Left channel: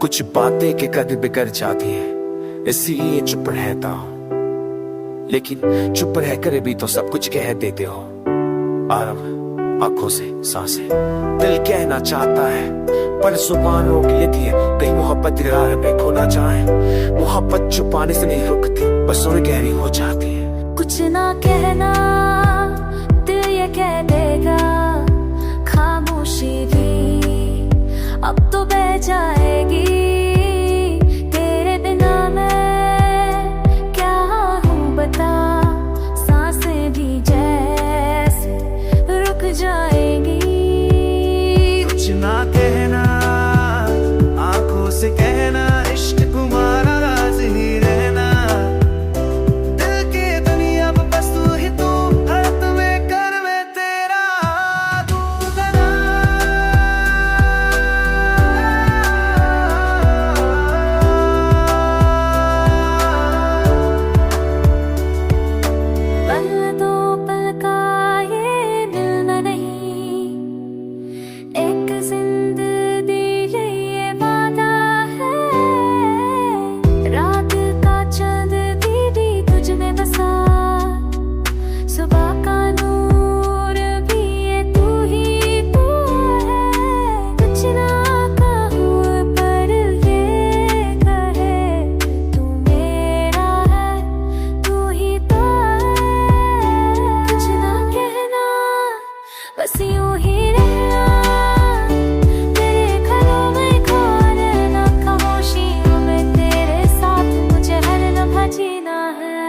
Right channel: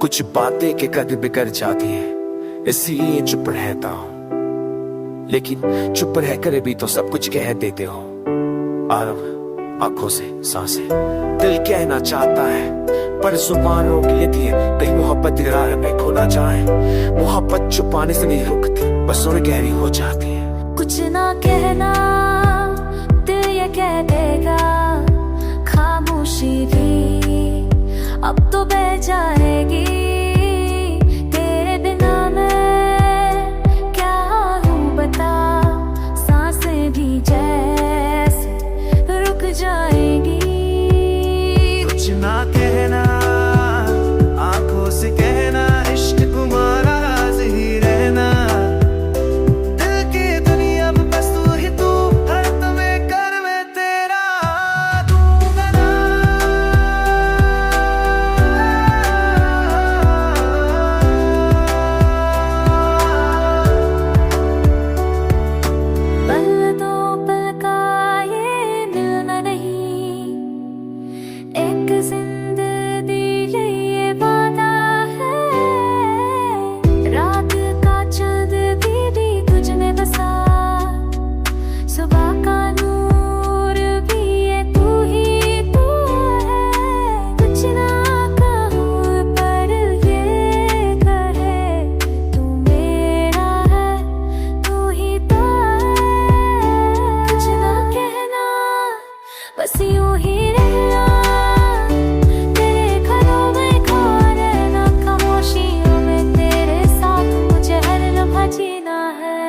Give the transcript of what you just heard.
कुछ बातें के कद बिगड़ जाती है, इसलिए चुप रहता हूँ। लेकिन चुप रह कर भी तो सब कुछ कह देते हो। आरव आंखों से सांसें, दिल कहना चाहता है पर जुबान रोक लेती है। कहीं मोहब्बत राह में खो ना जाए। मोहब्बत छुपाने से नहीं रुकती, बस और गहरी हो जाती है। कुछ ना कहना दिल ये कह देगा, खामोशी भी अब तो बह जाएगी। तेरे बिना मैं क्या हूँ बता, सांसें भी जैसे रुक जाएंगी। कुछ ना कहना आंखों से कहना, इश्क तुम्हारा राज ही रहना। दिल की दुनिया बस तू ही तू, हाथ में कर में तेरा पल दो पल का ये मिलना नहीं, एक जिंदगी ये वादा है। रात का चांद भी तुझ में बसा, सुबह का नूर भी ये तू ही तू है। कुछ ना कहूँ पर ये कहे तू मेरा है, तू ही तो है। कुछ ना कहना बस यूं ही रहना, तेरे ख्यालों में खो रहना। खामोशियों में तेरे साथ मुझे हर लम्हा जीना है।